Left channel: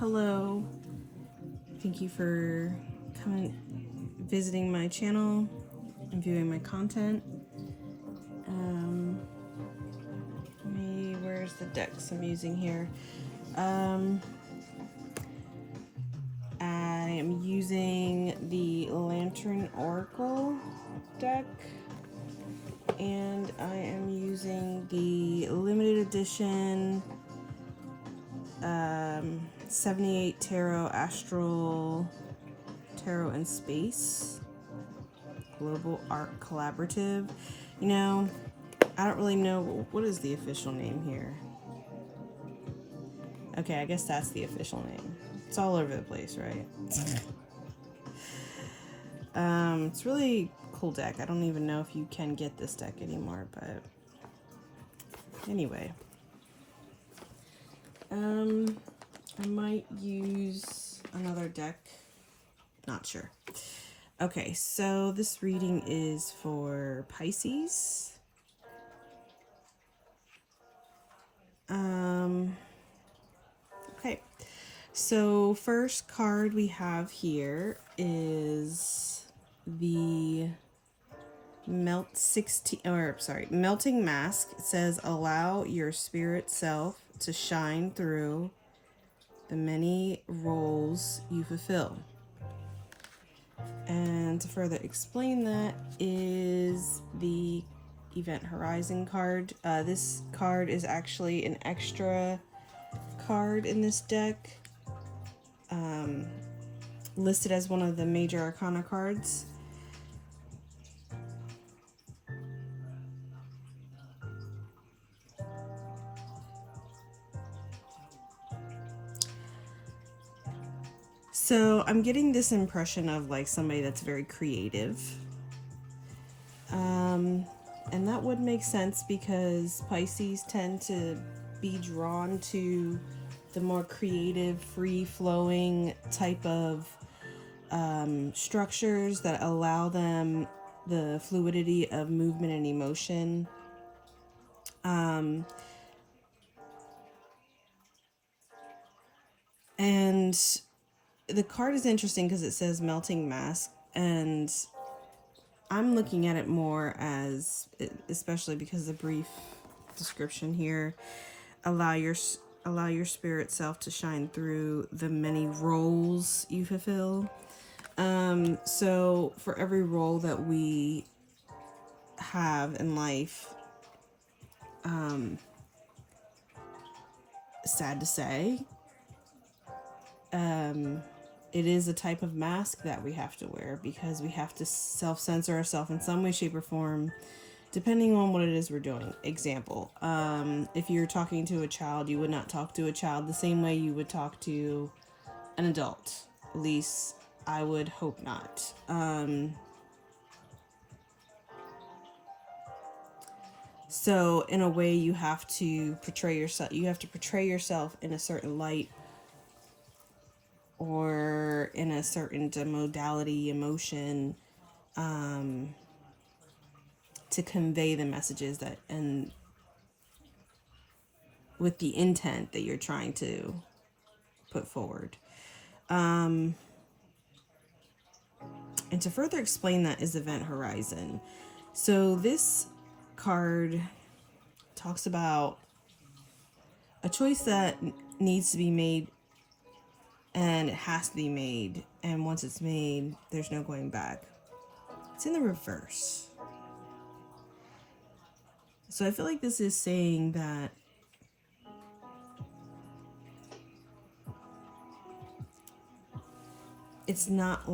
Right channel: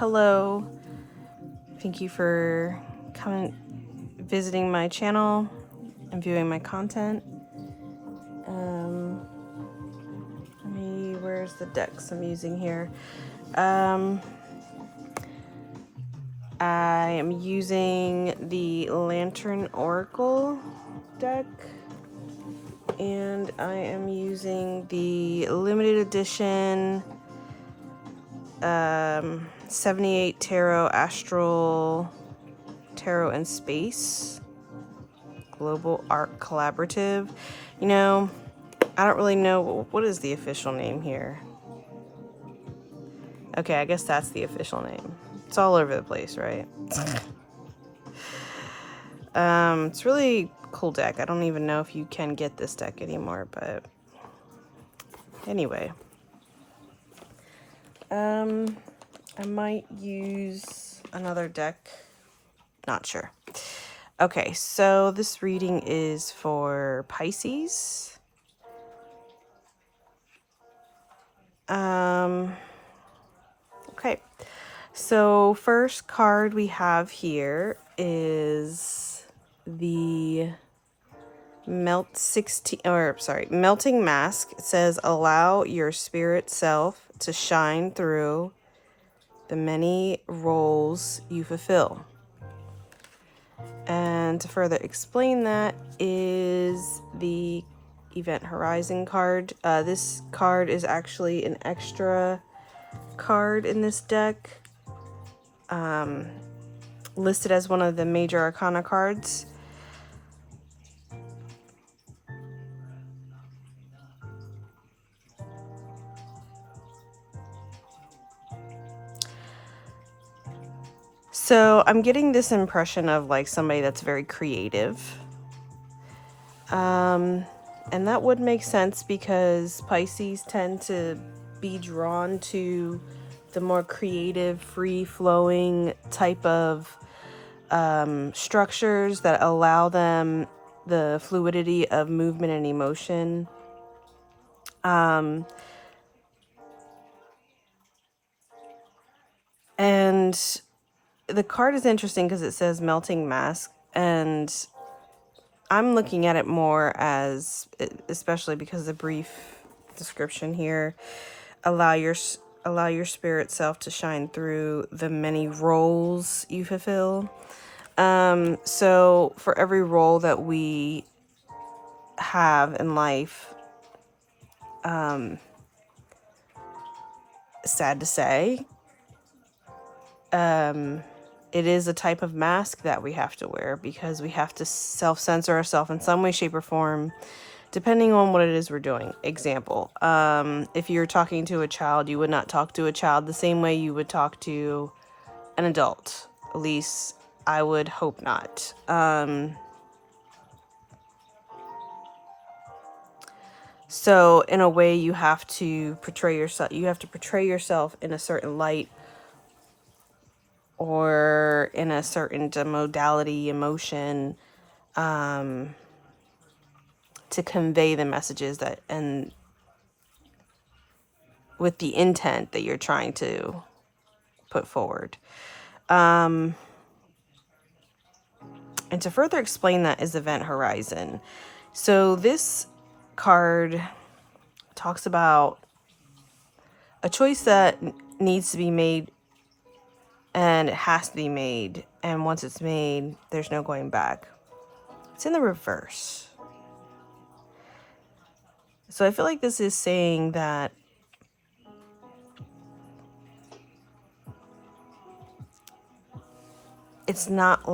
Hello. Thank you for visiting my channel and viewing my content. Where's the decks I'm using here? I am using the Lantern Oracle deck, and I am using the limited edition 78 Tarot Astral Tarot and Space Global Art Collaborative. You know, I don't really know what is the official name here. Okay, I guess that's the official name. It's all over the place, right? It's really cool deck. I don't even know if you can get this deck anymore, but anyway. I might use another deck. Not sure. Okay, so this reading is for Pisces. Okay, so first card we have here is the Melting Mask. It says, allow your spirit self to shine through the many roles you fulfill. And to further explain that is the Event Horizon card. This card is actually an extra card in this deck, listed as one of the major arcana cards. So I'm getting this impression of like somebody that's very creative. And that would make sense because Pisces tend to be drawn to the more creative, free-flowing type of structures that allow them the fluidity of movement and emotion. And the card is interesting because it says Melting Mask, and I'm looking at it more as, especially because of the brief description here, allow your spirit self to shine through the many roles you fulfill. So for every role that we have in life, sad to say, it is a type of mask that we have to wear because we have to self-censor ourselves in some way, shape, or form, depending on what it is we're doing. Example, if you're talking to a child, you would not talk to a child the same way you would talk to an adult. At least I would hope not. So in a way, you have to portray yourself. You have to portray yourself in a certain light or in a certain modality, emotion, to convey the messages that, and with the intent that you're trying to put forward. And to further explain that is Event Horizon. So this card talks about a choice that needs to be made, and it has to be made, and once it's made, there's no going back. It's in the reverse. So I feel like this is saying that it's not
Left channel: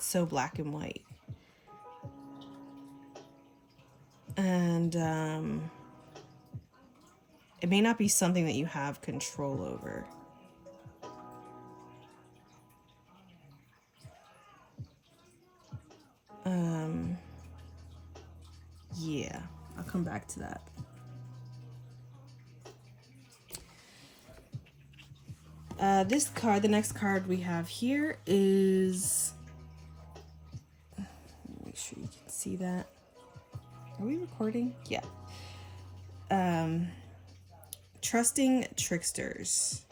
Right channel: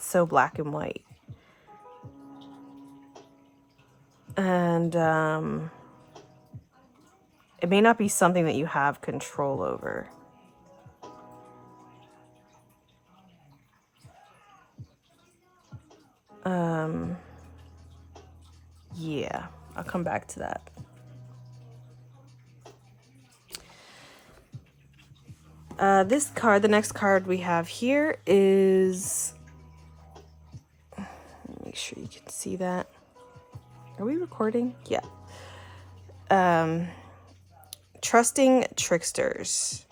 so black and white. And it may not be something that you have control over. Yeah, I'll come back to that. This card, the next card we have here is, make sure you can see that. Are we recording? Yeah. Trusting Tricksters.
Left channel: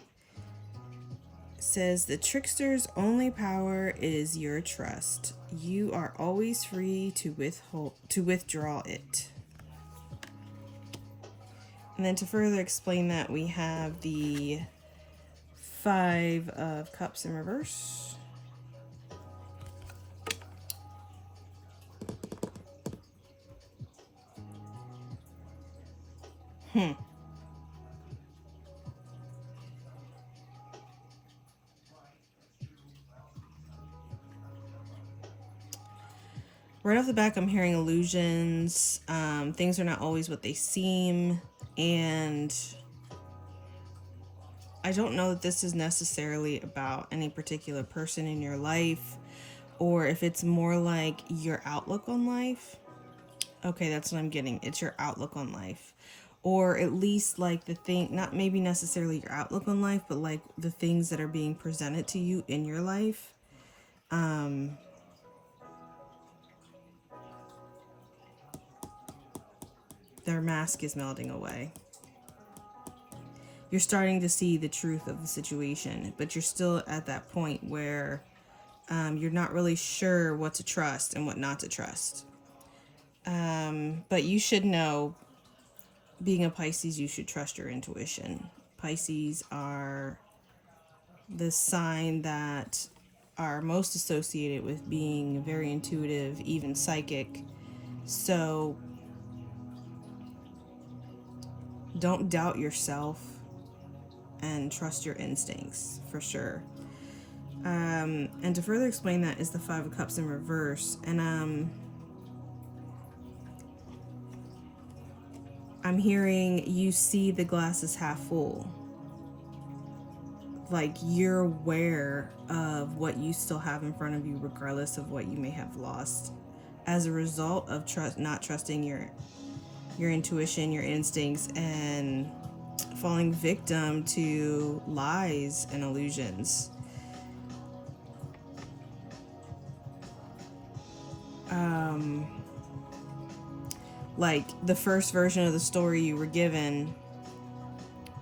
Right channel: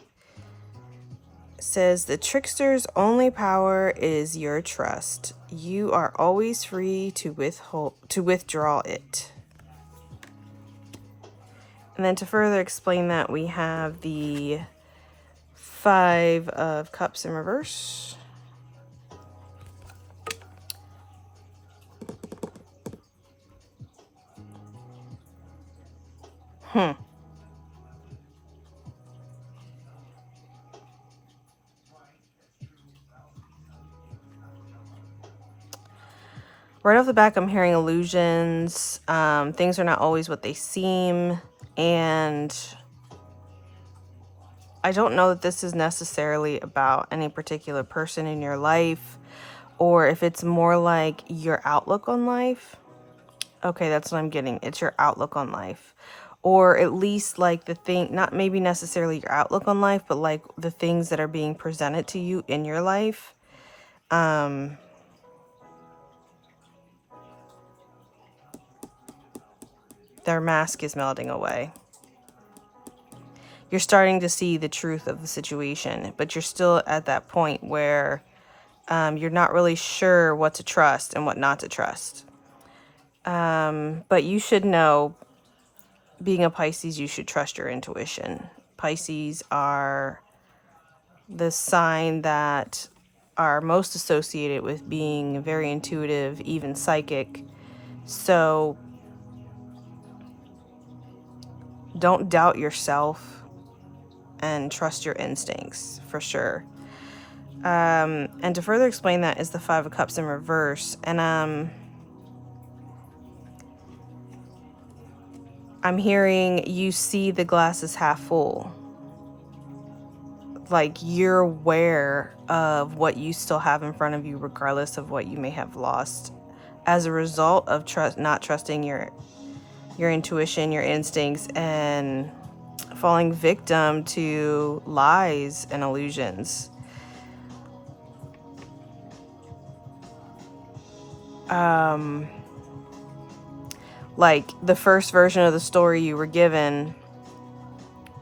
says the trickster's only power is your trust. You are always free to withdraw it. And then to further explain that, we have the Five of Cups in reverse. Right off the back, I'm hearing illusions. Things are not always what they seem. And I don't know that this is necessarily about any particular person in your life, or if it's more like your outlook on life. Okay, that's what I'm getting. It's your outlook on life. Or at least like the thing, not maybe necessarily your outlook on life, but like the things that are being presented to you in your life. Their mask is melting away. You're starting to see the truth of the situation, but you're still at that point where you're not really sure what to trust and what not to trust. But you should know, being a Pisces, you should trust your intuition. Pisces are the sign that are most associated with being very intuitive, even psychic. So don't doubt yourself and trust your instincts for sure. And to further explain that is the Five of Cups in reverse. And I'm hearing you see the glass is half full. Like you're aware of what you still have in front of you, regardless of what you may have lost as a result of not trusting your intuition, your instincts, and falling victim to lies and illusions. Like the first version of the story you were given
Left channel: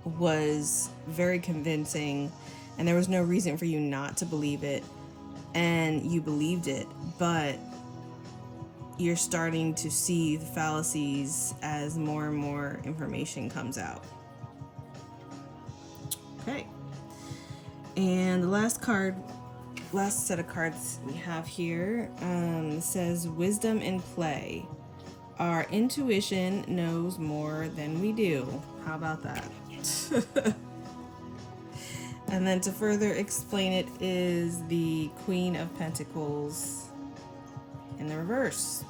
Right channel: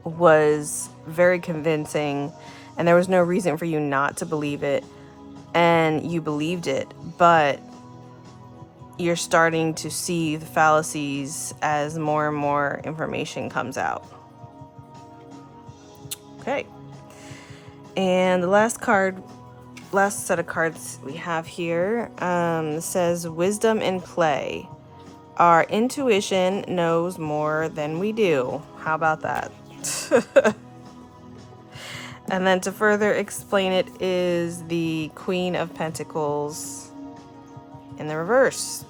was very convincing, and there was no reason for you not to believe it, and you believed it, but you're starting to see the fallacies as more and more information comes out. Okay. And the last set of cards we have here says wisdom in play. Our intuition knows more than we do. How about that? And then to further explain it is the Queen of Pentacles in the reverse.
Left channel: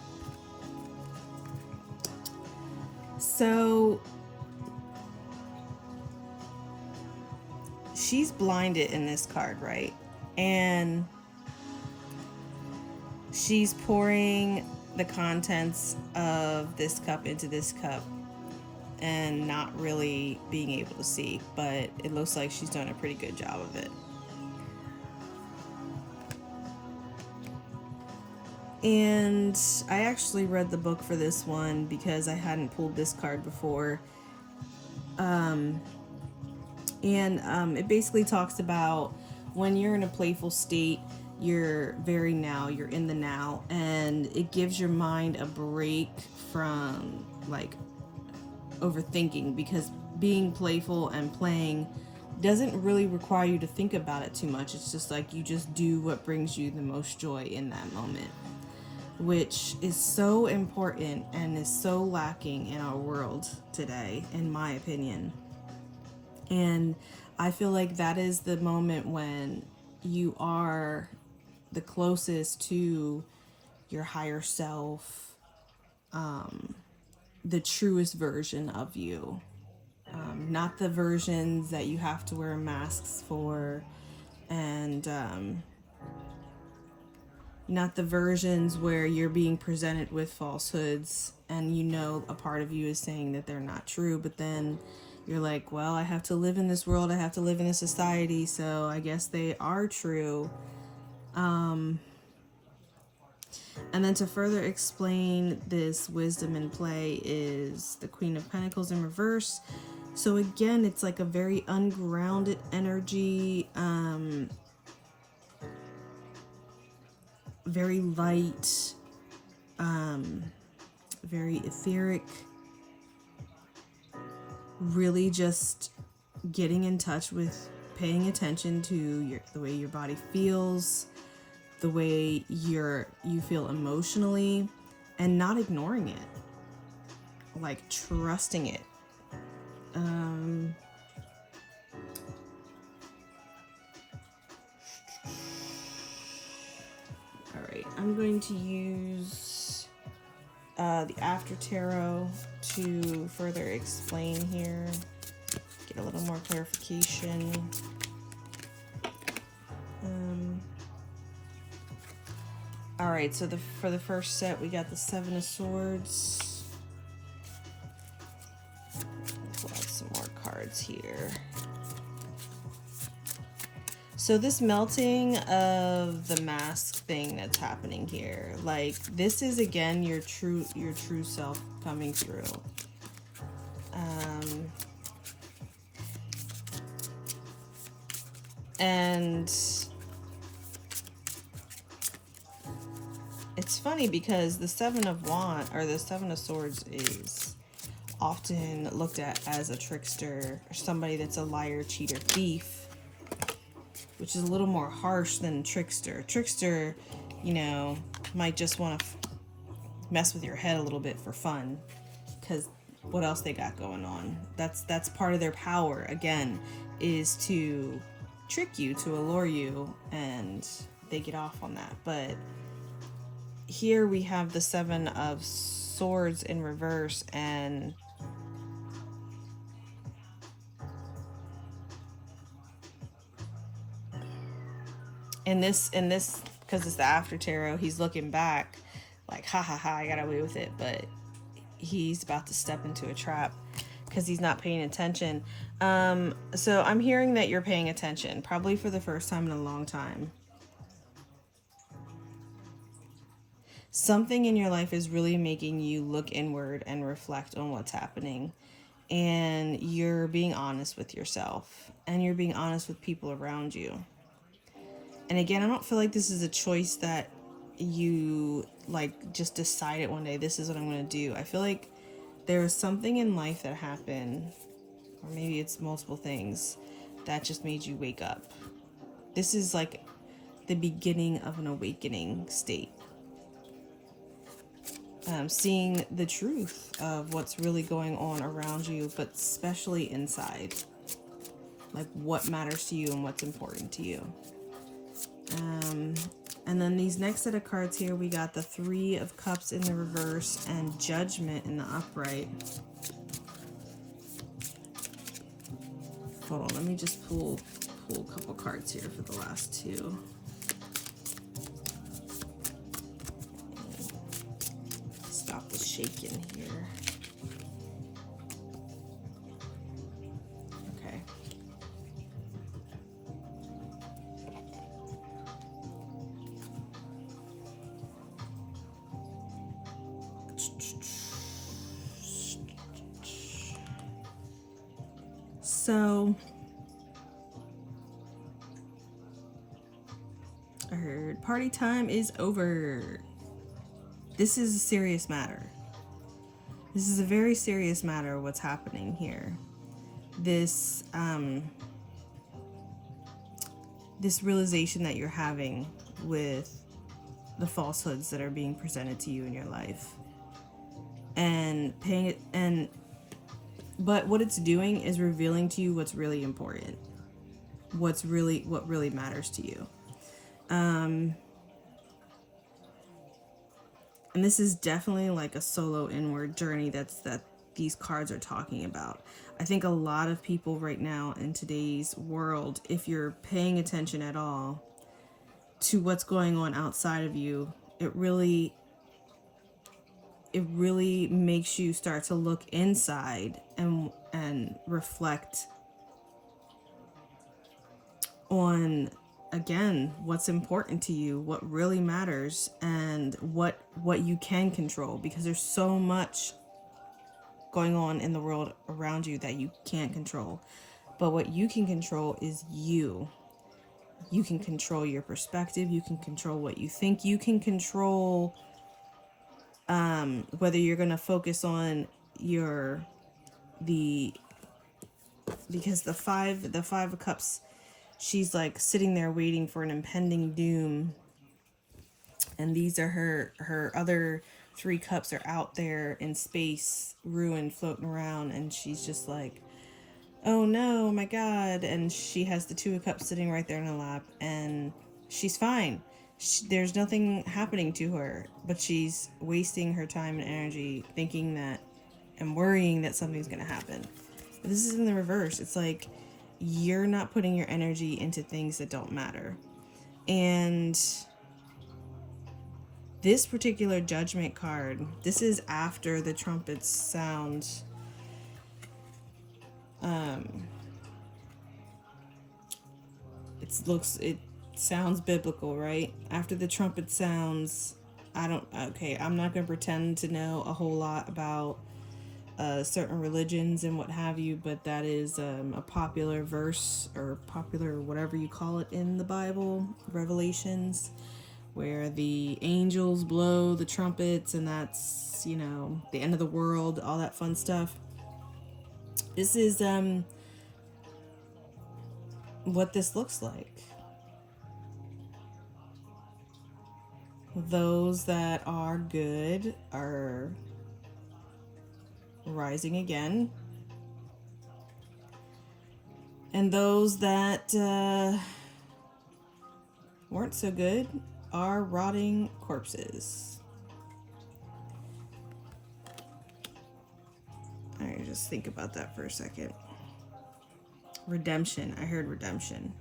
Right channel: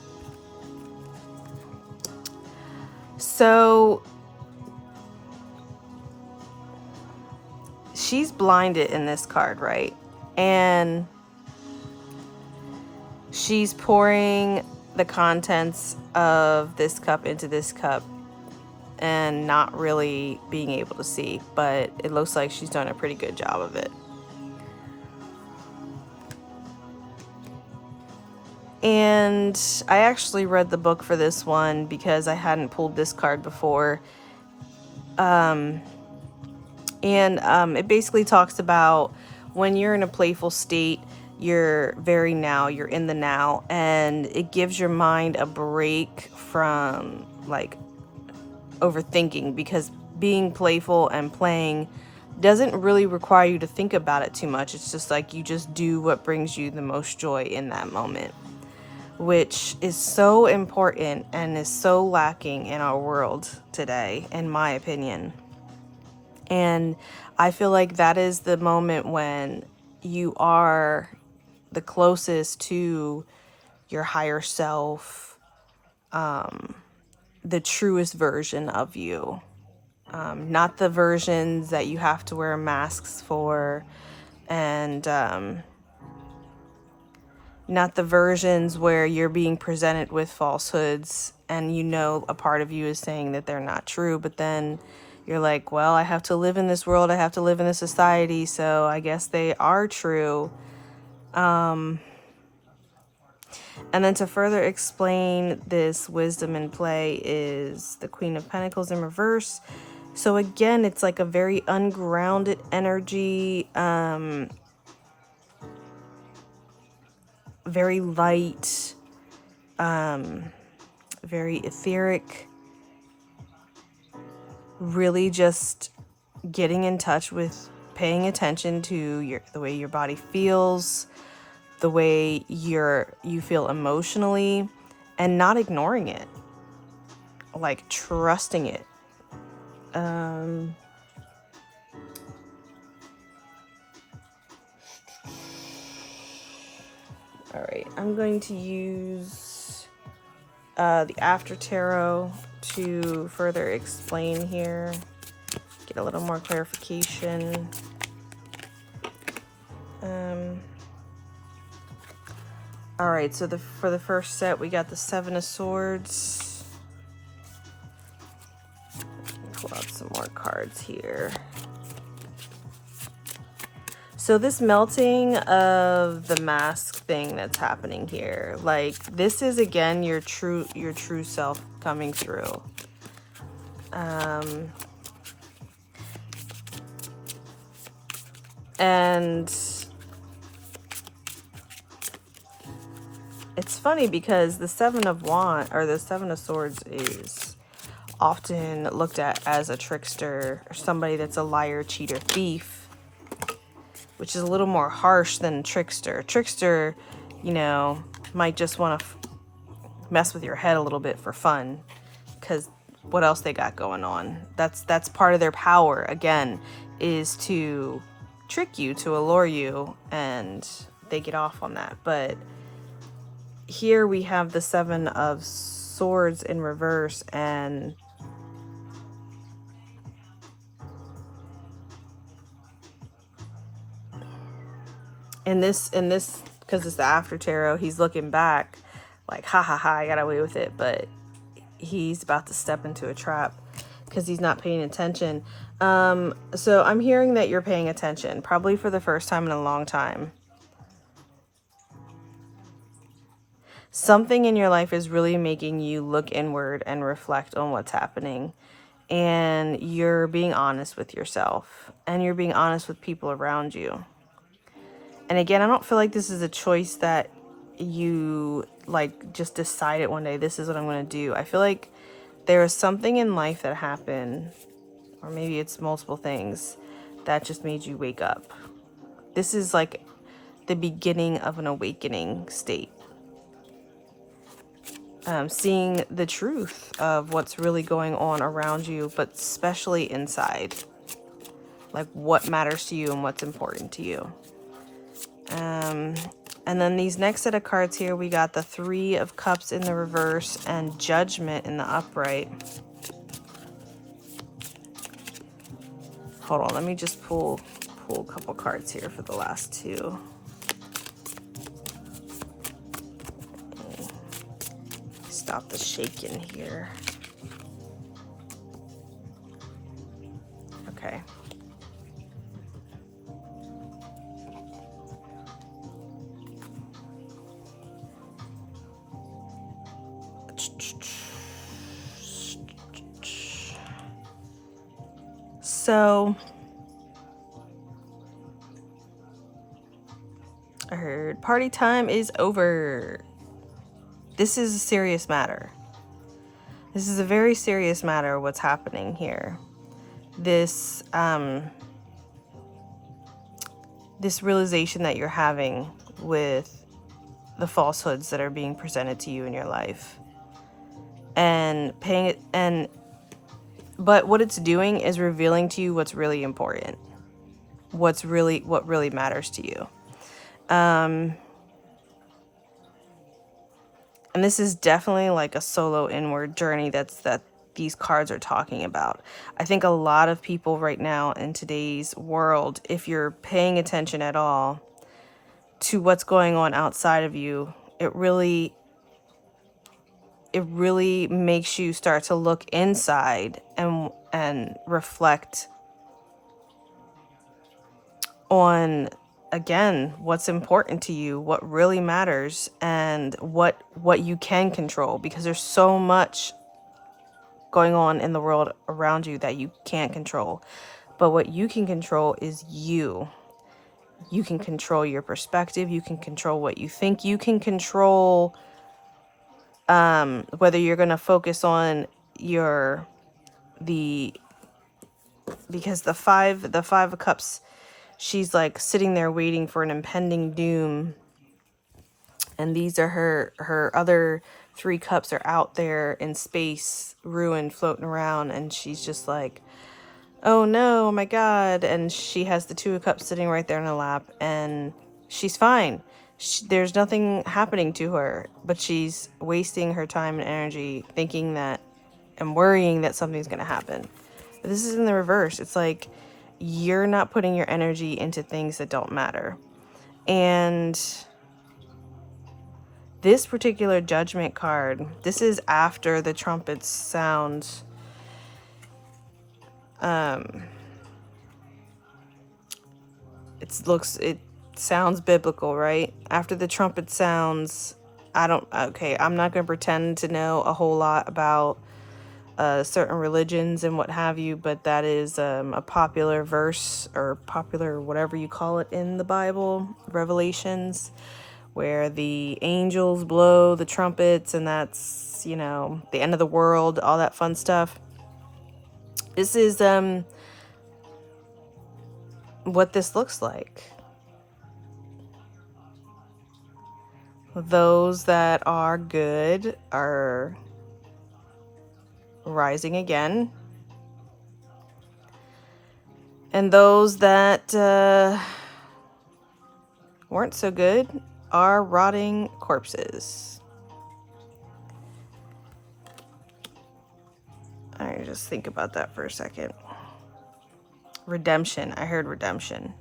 So she's blinded in this card, right? And she's pouring the contents of this cup into this cup and not really being able to see, but it looks like she's done a pretty good job of it. And I actually read the book for this one because I hadn't pulled this card before. It basically talks about when you're in a playful state, you're you're in the now, and it gives your mind a break from like overthinking, because being playful and playing doesn't really require you to think about it too much. It's just like you just do what brings you the most joy in that moment, which is so important and is so lacking in our world today, in my opinion. And I feel like that is the moment when you are the closest to your higher self, the truest version of you. Not the versions that you have to wear masks for, and not the versions where you're being presented with falsehoods and you know a part of you is saying that they're not true, but then you're like, well, I have to live in this world, I have to live in this society, so I guess they are true. And then to further explain this wisdom in play is the Queen of Pentacles in reverse. So again, it's like a very ungrounded energy, very light, very etheric, really just getting in touch with paying attention to the way your body feels, the way you feel emotionally, and not ignoring it, like trusting it. All right, I'm going to use the After Tarot to further explain here, get a little more clarification. All right, so for the first set, we got the Seven of Swords. Pull out some more cards here. So this melting of the mask thing that's happening here, like this is again your true self coming through. And it's funny because the Seven of Swords is often looked at as a trickster or somebody that's a liar, cheater, thief, which is a little more harsh than trickster. Trickster, you know, might just want to mess with your head a little bit for fun, because what else they got going on? That's part of their power, again, is to trick you, to allure you, and they get off on that. But here we have the Seven of Swords in reverse, and in this because it's the After Tarot, he's looking back like, ha ha ha, I got away with it, but he's about to step into a trap because he's not paying attention. So I'm hearing that you're paying attention, probably for the first time in a long time. Something in your life is really making you look inward and reflect on what's happening. And you're being honest with yourself, and you're being honest with people around you. And again, I don't feel like this is a choice that you like just decided one day, this is what I'm going to do. I feel like there is something in life that happened, or maybe it's multiple things that just made you wake up. This is like the beginning of an awakening state. Seeing the truth of what's really going on around you, but especially inside. Like what matters to you and what's important to you. And then these next set of cards here, we got the Three of Cups in the reverse and Judgment in the upright. Hold on, let me just pull a couple cards here for the last two. Stop the shaking here. Okay. So I heard party time is over. This is a serious matter. This is a very serious matter, what's happening here. This this realization that you're having with the falsehoods that are being presented to you in your life. And but what it's doing is revealing to you what's really important. What really matters to you. And this is definitely like a solo inward journey that these cards are talking about. I think a lot of people right now in today's world, if you're paying attention at all to what's going on outside of you, it really makes you start to look inside and reflect on, again, what's important to you, what really matters, and what you can control, because there's so much going on in the world around you that you can't control. But what you can control is you. You can control your perspective. You can control what you think. You can control whether you're going to focus on because the five of cups, she's like sitting there waiting for an impending doom, and these are her other 3 cups are out there in space, ruined, floating around, and she's just like, oh no, oh my god. And she has the 2 of cups sitting right there in her lap, and she's fine. There's nothing happening to her, but she's wasting her time and energy thinking that and worrying that something's going to happen. But this is in the reverse. It's like you're not putting your energy into things that don't matter. And this particular judgment card, this is after the trumpets sound. It sounds biblical, right? After the trumpet sounds, I'm not going to pretend to know a whole lot about certain religions and what have you, but that is a popular verse, or popular whatever you call it, in the Bible, Revelations, where the angels blow the trumpets, and that's, the end of the world, all that fun stuff. This is what this looks like. Those that are good are rising again, and those that weren't so good are rotting corpses. All right, just think about that for a second. Redemption. I heard redemption.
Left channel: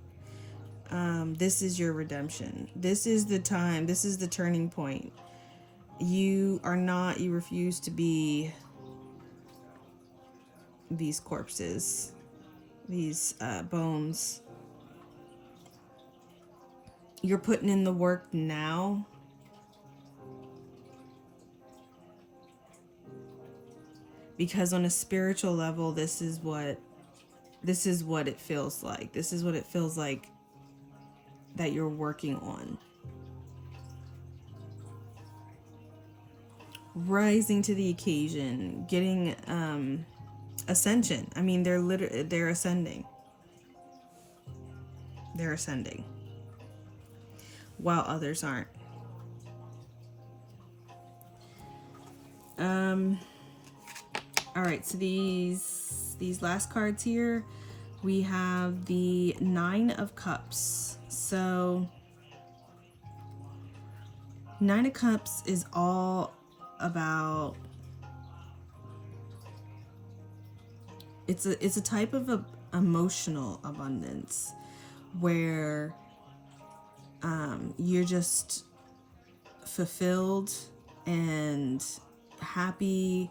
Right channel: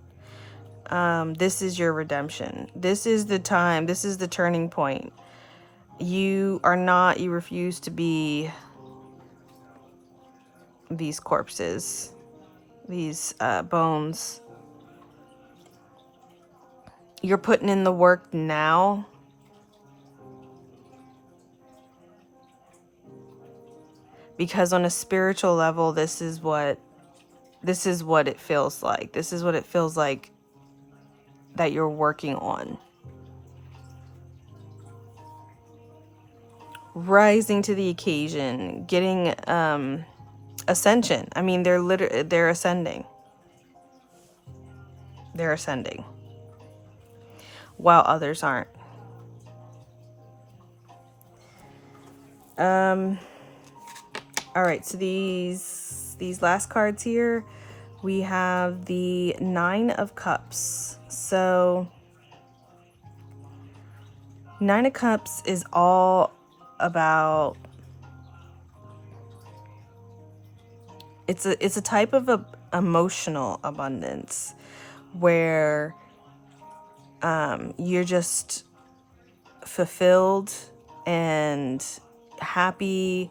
This is your redemption. This is the time. This is the turning point. You refuse to be these corpses, these bones. You're putting in the work now. Because on a spiritual level, this is what it feels like. This is what it feels like that you're working on. Rising to the occasion, getting ascension. I mean, they're ascending. They're ascending, while others aren't. All right, so these last cards here, we have the 9 of Cups. So 9 of Cups is all about, it's a type of emotional abundance where you're just fulfilled and happy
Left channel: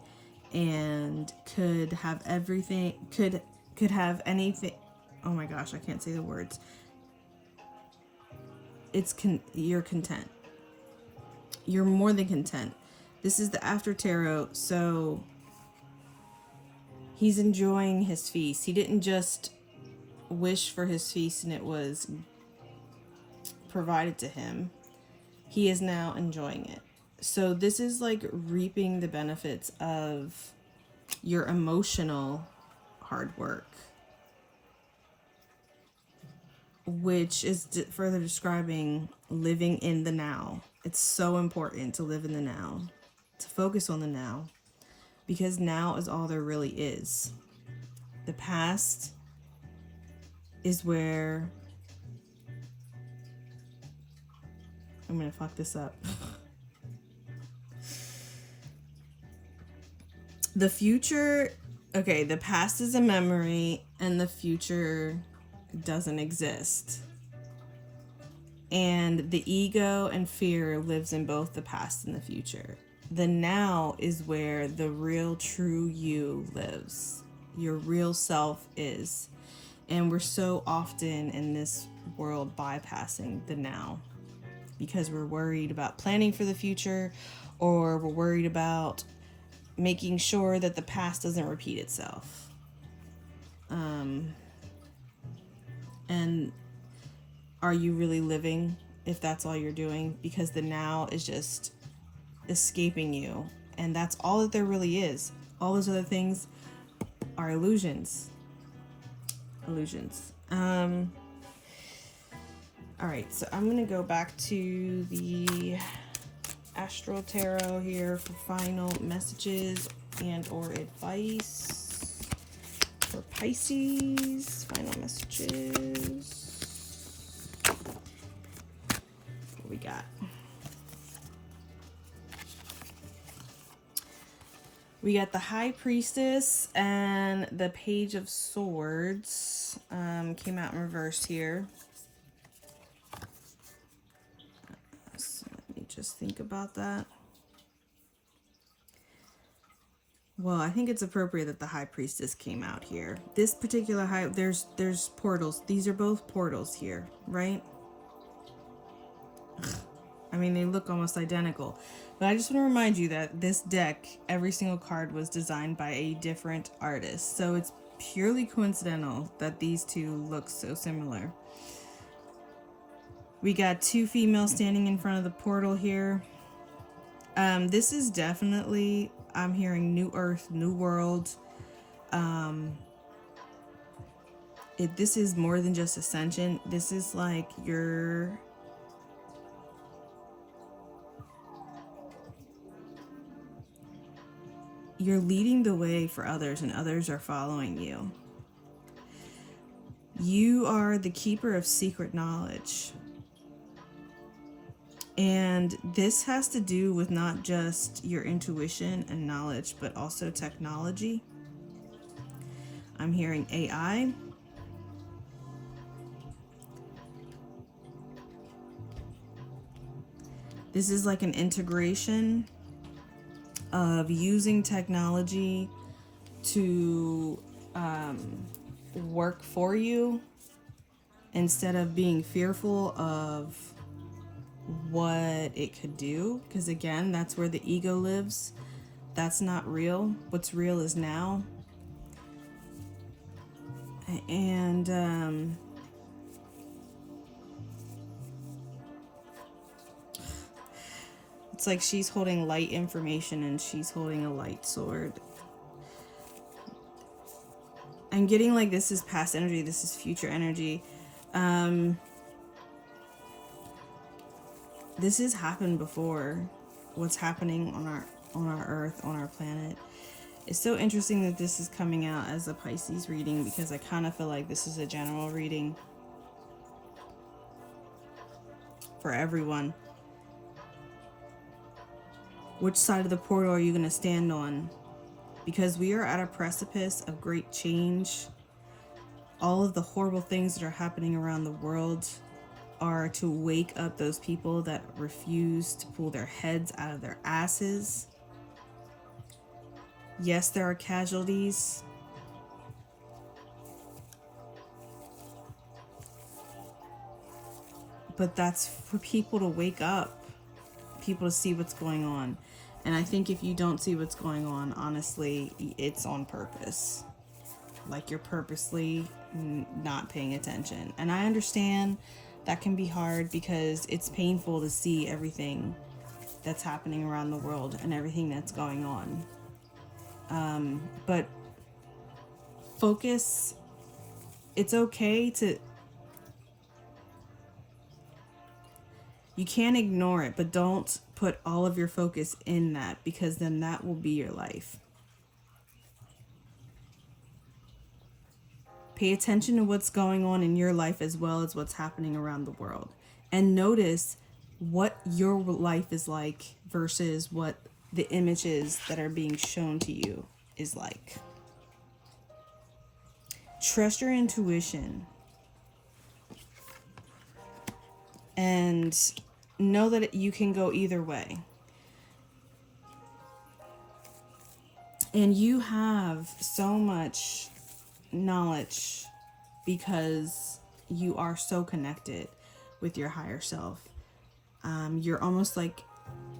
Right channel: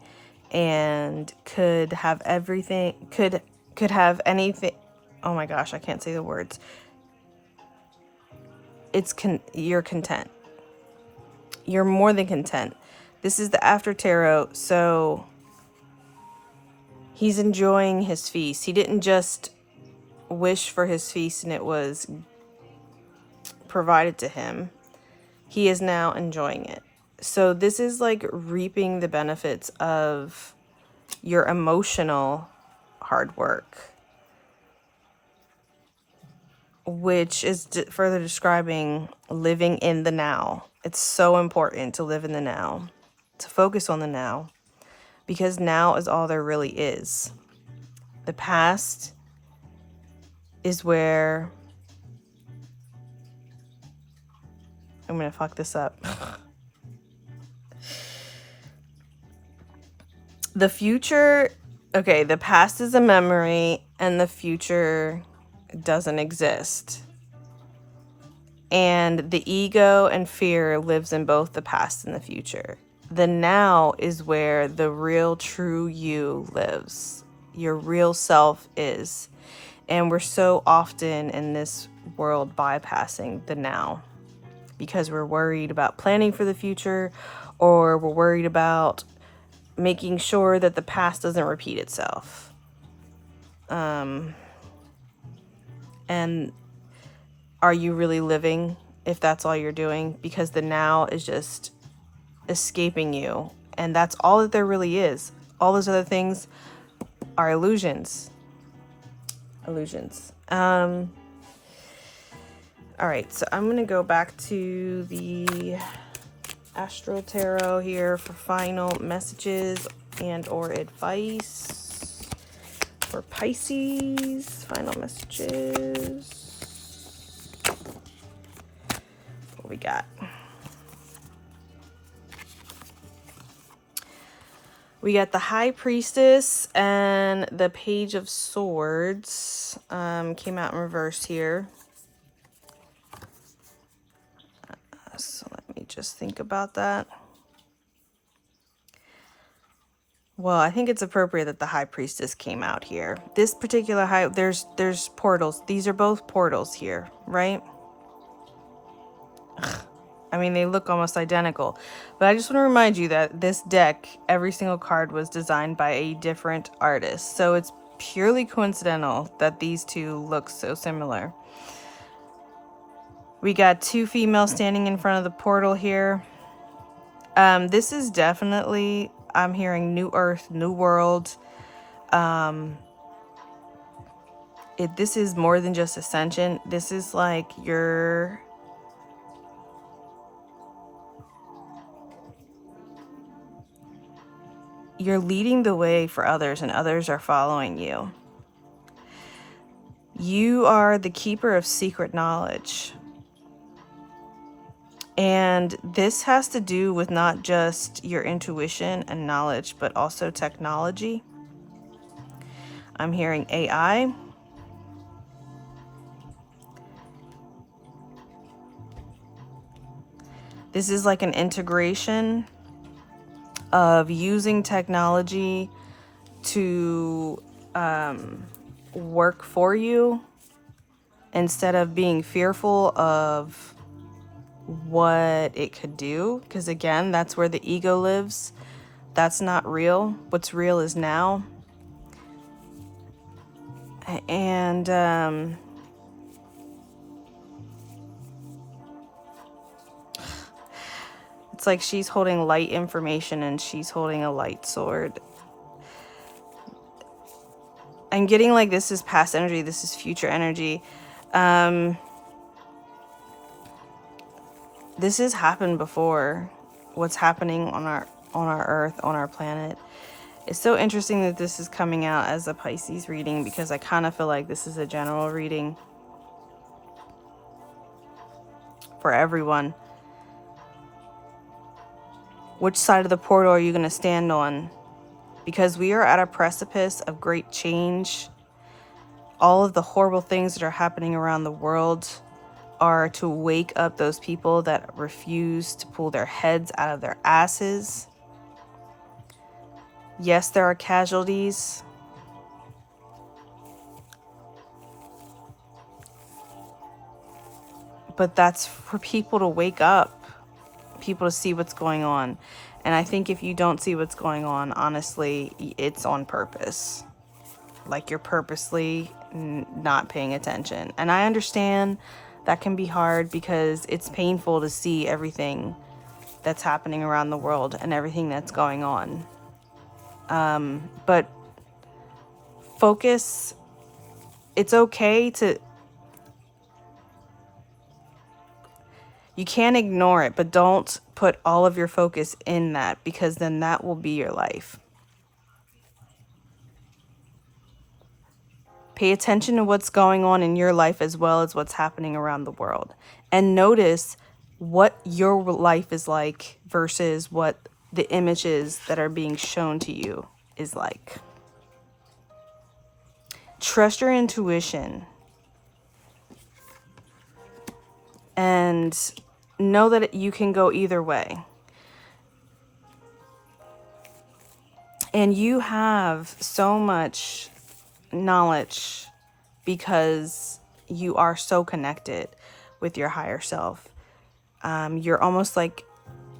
and could have everything, could have anything. Oh my gosh, I can't say the words. You're content. You're more than content. This is the after tarot, so he's enjoying his feast. He didn't just wish for his feast and it was provided to him. He is now enjoying it. So this is like reaping the benefits of your emotional hard work, which is further describing living in the now. It's so important to live in the now, to focus on the now, because now is all there really is. The past is where I'm gonna fuck this up. The future, okay, the past is a memory and the future doesn't exist. And the ego and fear lives in both the past and the future. The now is where the real true you lives. Your real self is. And we're so often in this world bypassing the now because we're worried about planning for the future, or we're worried about making sure that the past doesn't repeat itself. And are you really living if that's all you're doing? Because the now is just escaping you. And that's all that there really is. All those other things are illusions. Illusions. All right, so I'm going to go back to the Astral Tarot here for final messages and or advice for Pisces. Final messages. What we got? We got the High Priestess and the Page of Swords. Came out in reverse here. So let me just think about that. Well, I think it's appropriate that the High Priestess came out here. This particular there's portals. These are both portals here, right? Ugh. I mean, they look almost identical. But I just want to remind you that this deck, every single card was designed by a different artist. So it's purely coincidental that these two look so similar. We got two females standing in front of the portal here. This is definitely, I'm hearing new earth, new world. This is more than just ascension. This is like you're leading the way for others and others are following you. You are the keeper of secret knowledge. And this has to do with not just your intuition and knowledge, but also technology. I'm hearing AI. This is like an integration of using technology to work for you instead of being fearful of what it could do. Because again, that's where the ego lives. That's not real. What's real is now. And it's like she's holding light information and she's holding a light sword. I'm getting like this is past energy, this is future energy. This has happened before. What's happening on our earth, on our planet. It's so interesting that this is coming out as a Pisces reading, because I kind of feel like this is a general reading for everyone. Which side of the portal are you going to stand on? Because we are at a precipice of great change. All of the horrible things that are happening around the world are to wake up those people that refuse to pull their heads out of their asses. Yes, there are casualties. But that's for people to wake up, people to see what's going on. And I think if you don't see what's going on, honestly, it's on purpose. Like you're purposely not paying attention. And I understand that can be hard because it's painful to see everything that's happening around the world and everything that's going on. But focus. It's okay to... You can't ignore it, but don't put all of your focus in that, because then that will be your life. Pay attention to what's going on in your life as well as what's happening around the world. And notice what your life is like versus what the images that are being shown to you is like. Trust your intuition. And know that you can go either way. And you have so much knowledge because you are so connected with your higher self. You're almost like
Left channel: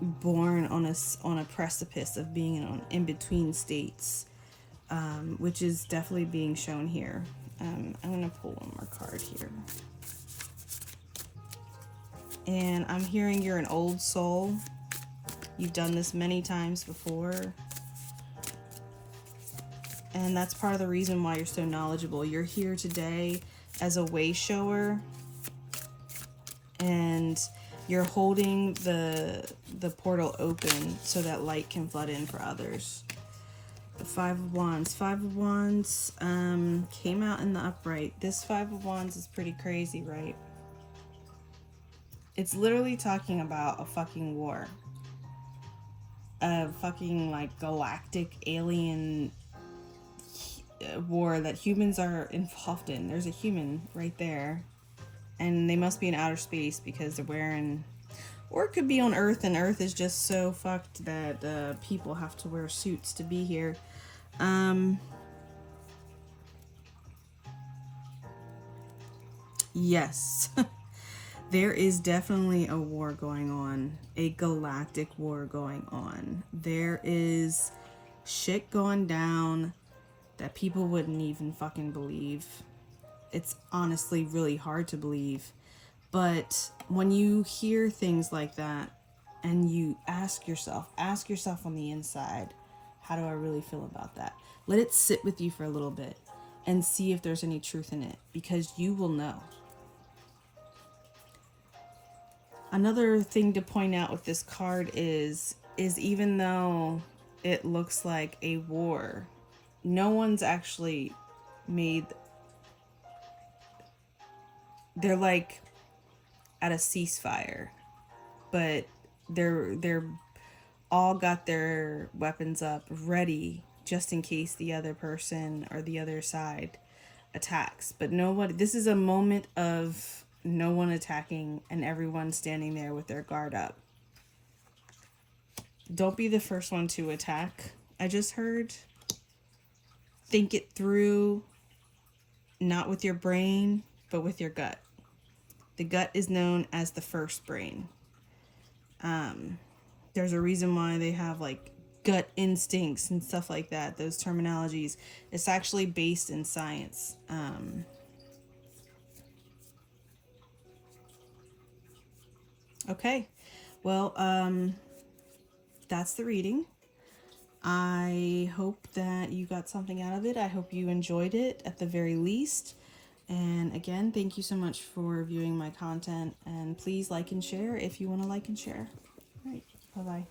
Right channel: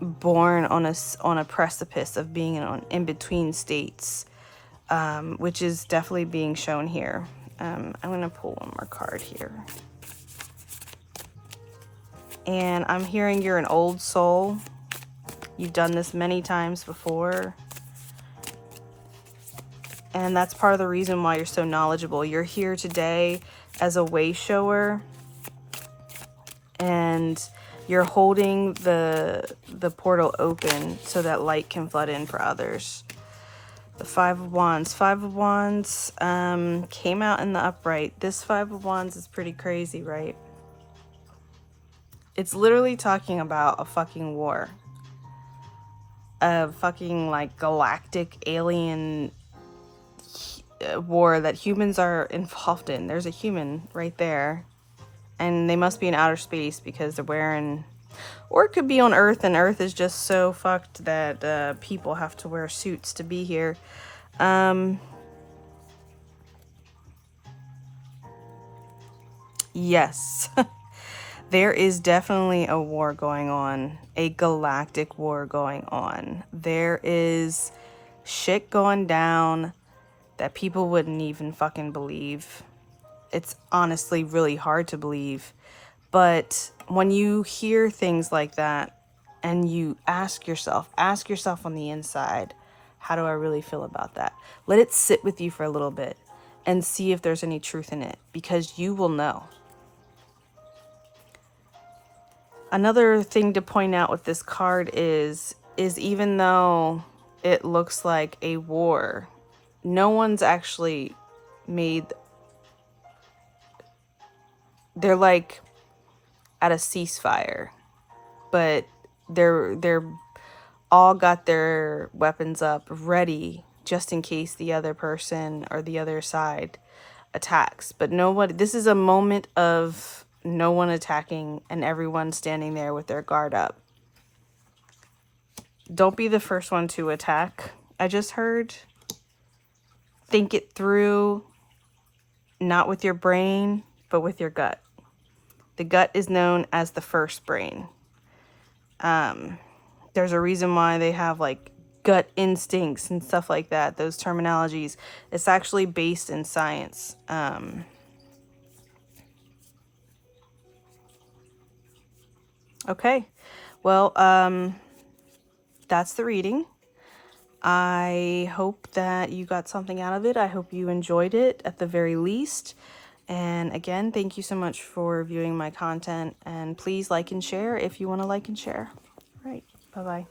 born on a precipice of being in between states, which is definitely being shown here. I'm going to pull one more card here. And I'm hearing you're an old soul. You've done this many times before. And that's part of the reason why you're so knowledgeable. You're here today as a way shower. And you're holding the portal open so that light can flood in for others. The Five of Wands. Five of Wands came out in the upright. This Five of Wands is pretty crazy, right? It's literally talking about a fucking war. A fucking like galactic alien war that humans are involved in. There's a human right there. And they must be in outer space because they're wearing... Or it could be on Earth, and Earth is just so fucked that people have to wear suits to be here. Yes. There is definitely a war going on. A galactic war going on. There is shit going down that people wouldn't even fucking believe. It's honestly really hard to believe. But when you hear things like that and you ask yourself on the inside, how do I really feel about that? Let it sit with you for a little bit and see if there's any truth in it, because you will know. Another thing to point out with this card is even though it looks like a war, no one's actually made... They're like at a ceasefire, but they're all got their weapons up ready just in case the other person or the other side attacks. But nobody... This is a moment of no one attacking and everyone standing there with their guard up. Don't be the first one to attack. I just heard. Think it through, not with your brain, but with your gut. The gut is known as the first brain. There's a reason why they have like gut instincts and stuff like that. Those terminologies. It's actually based in science. Okay. Well, that's the reading. I hope that you got something out of it. I hope you enjoyed it at the very least. And again, thank you so much for viewing my content. And please like and share if you want to like and share. All right. Bye-bye.